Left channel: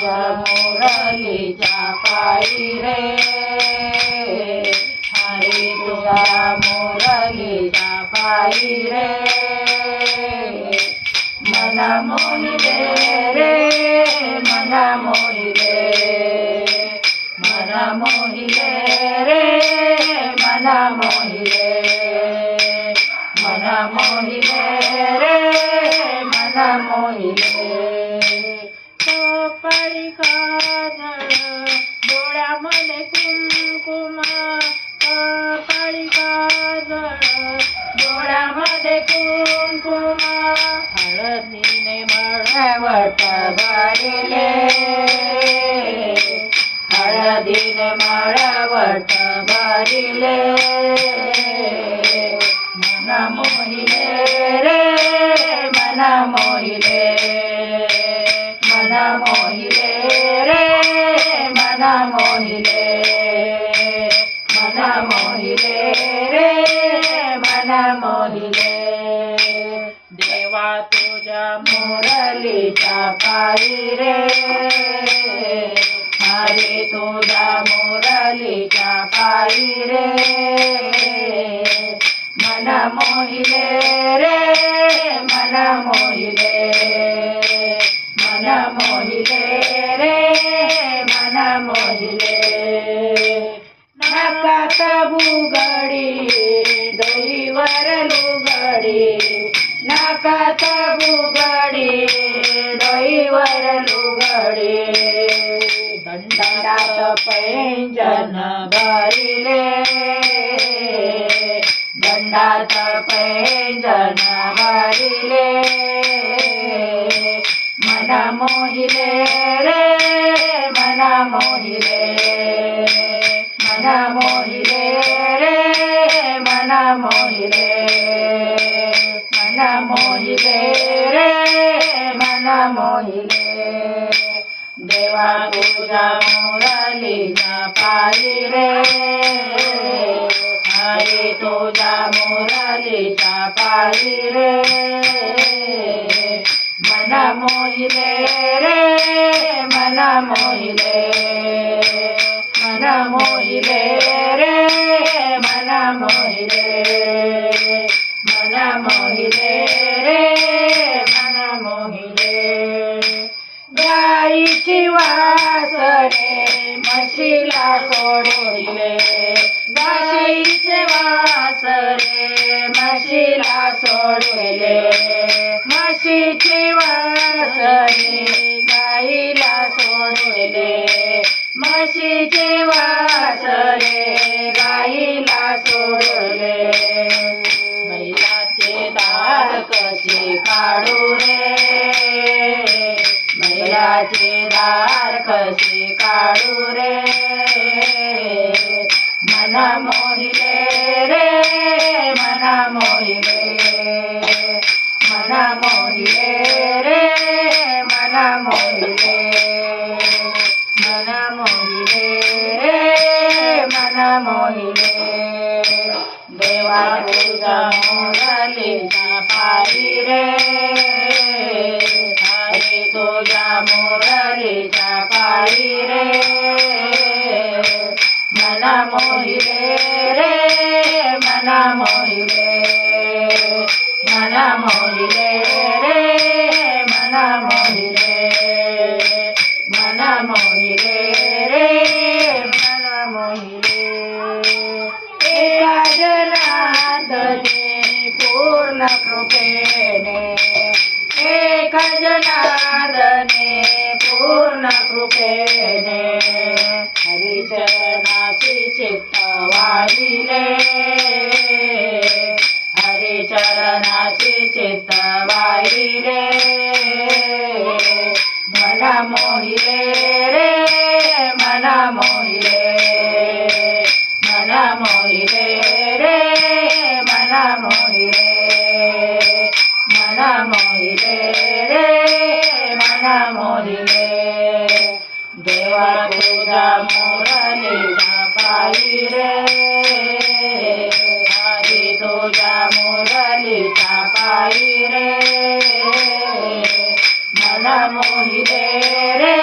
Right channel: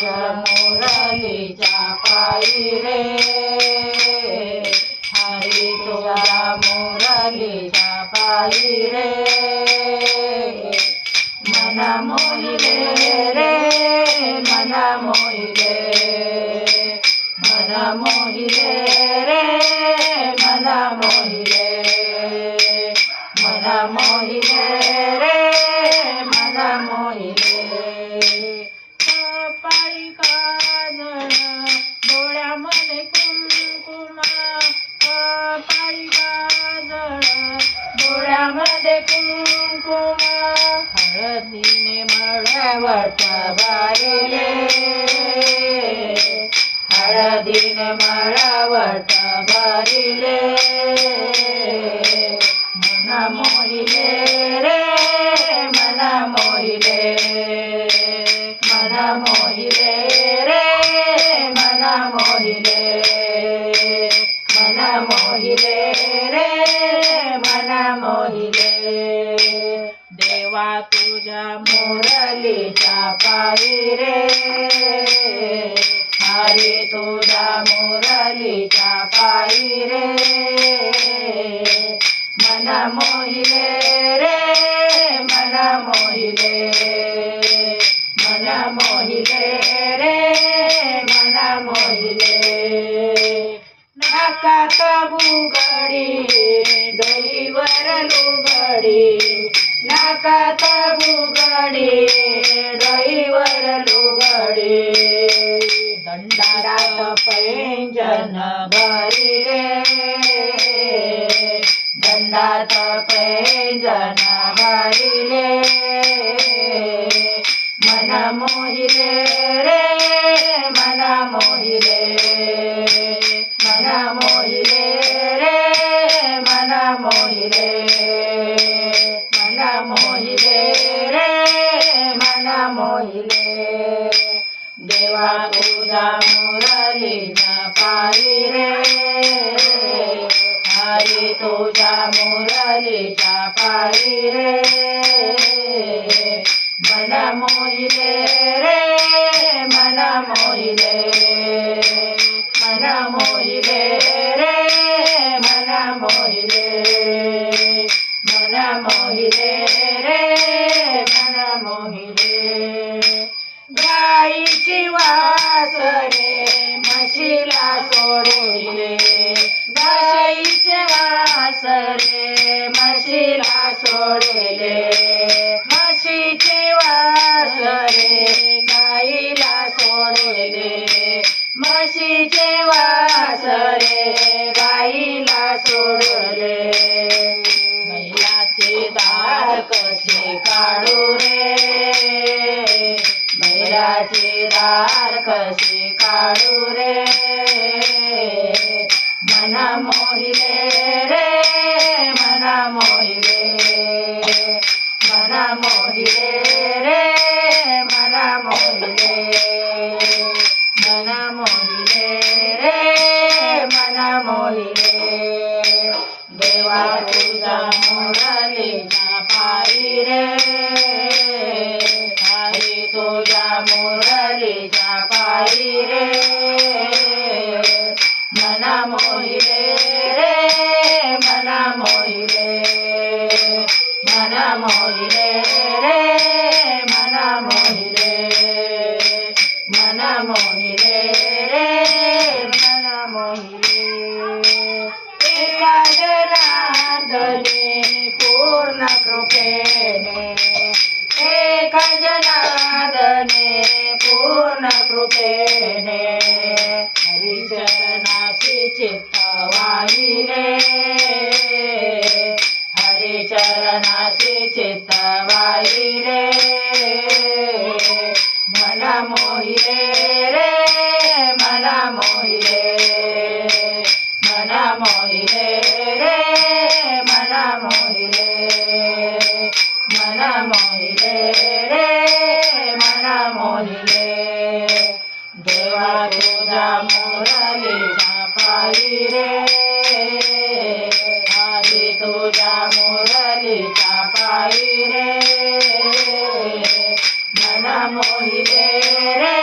तुझ्या मुरलीच्या पायी रे, हरी तुझ्या मुरलीच्या पायी रे, मन मोहिले रे, मन मोहिले, मन मोहिले रे, मन मोहिले, मन मोहिले रे, मन मोहिले. कपाळी काजळ डोळ्यामध्ये कुंकुम, कपाळी काजळ डोळ्यामध्ये कुंकुम, हळदीने मळवट भरिले, हळदीने मळवट भरिले, मन मोहिले रे, मन मोहिले, मन मोहिले रे, मन मोहिले, मन मोहिले रे, मन मोहिले. देवा तुझ्या मुरलीच्या पायी रे, हरी तुझ्या मुरलीच्या पायी रे, मन मोहिले रे, मन मोहिले, मन मोहिले रे, मन मोहिले. नाकात बुगडी डोईवर लुगडी, नाकात बुगडी डोईवर लुगडी, दंडात पैंजन भरिले, दंडात पैंजन भरिले, मन मोहिले रे, मन मोहिले, मन मोहिले रे, मन मोहिले, मन मोहिले रे, मन मोहिले. देवा तुझ्या मुरलीच्या पायी रे, हरी तुझ्या मुरलीच्या पायी रे, मन मोहिले रे, मन मोहिले, मन मोहिले रे, मन मोहिले, मन मोहिले रे, मन मोहिले. गाईची वासरे म्हशीला सोडले, गाईचे वासरे म्हशीला सोडले, म्हशीची वासरे गाईला सोडले, म्हशीचे वासरे गाईला सोडले. बैलाचे दार कसे काढू रे, बैलाचे दार कसे काढू रे, मन मोहिले रे, मन मोहिले, मन मोहिले रे, मन मोहिले, मन मोहिले रे, मन मोहिले. देवा तुझ्या मुरलीच्या पायी रे, हरी तुझ्या मुरलीच्या पायी रे, मन मोहिले रे, मन मोहिले, मन मोहिले रे, मन मोहिले, मन मोहिले रे, मन मोहिले. एका जनार्दने पूर्ण कृपेने, एका जनार्दने पूर्ण कृपेने, हरिचरणाशी चित्त वाहिले, हरिचरणाशी चित्त वाहिले, मन मोहिले रे, मन मोहिले, मन मोहिले रे, मन मोहिले, मन मोहिले रे, मन मोहिले. देवा तुझ्या मुरलीच्या पायी रे, हरी तुझ्या मुरलीच्या पायी रे, मन मोहिले रे,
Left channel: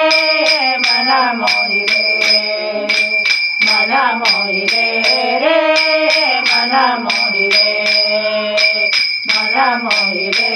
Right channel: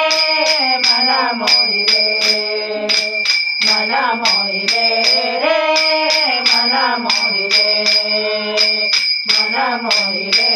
मोहिले रे मन मोहिले मन मोहिले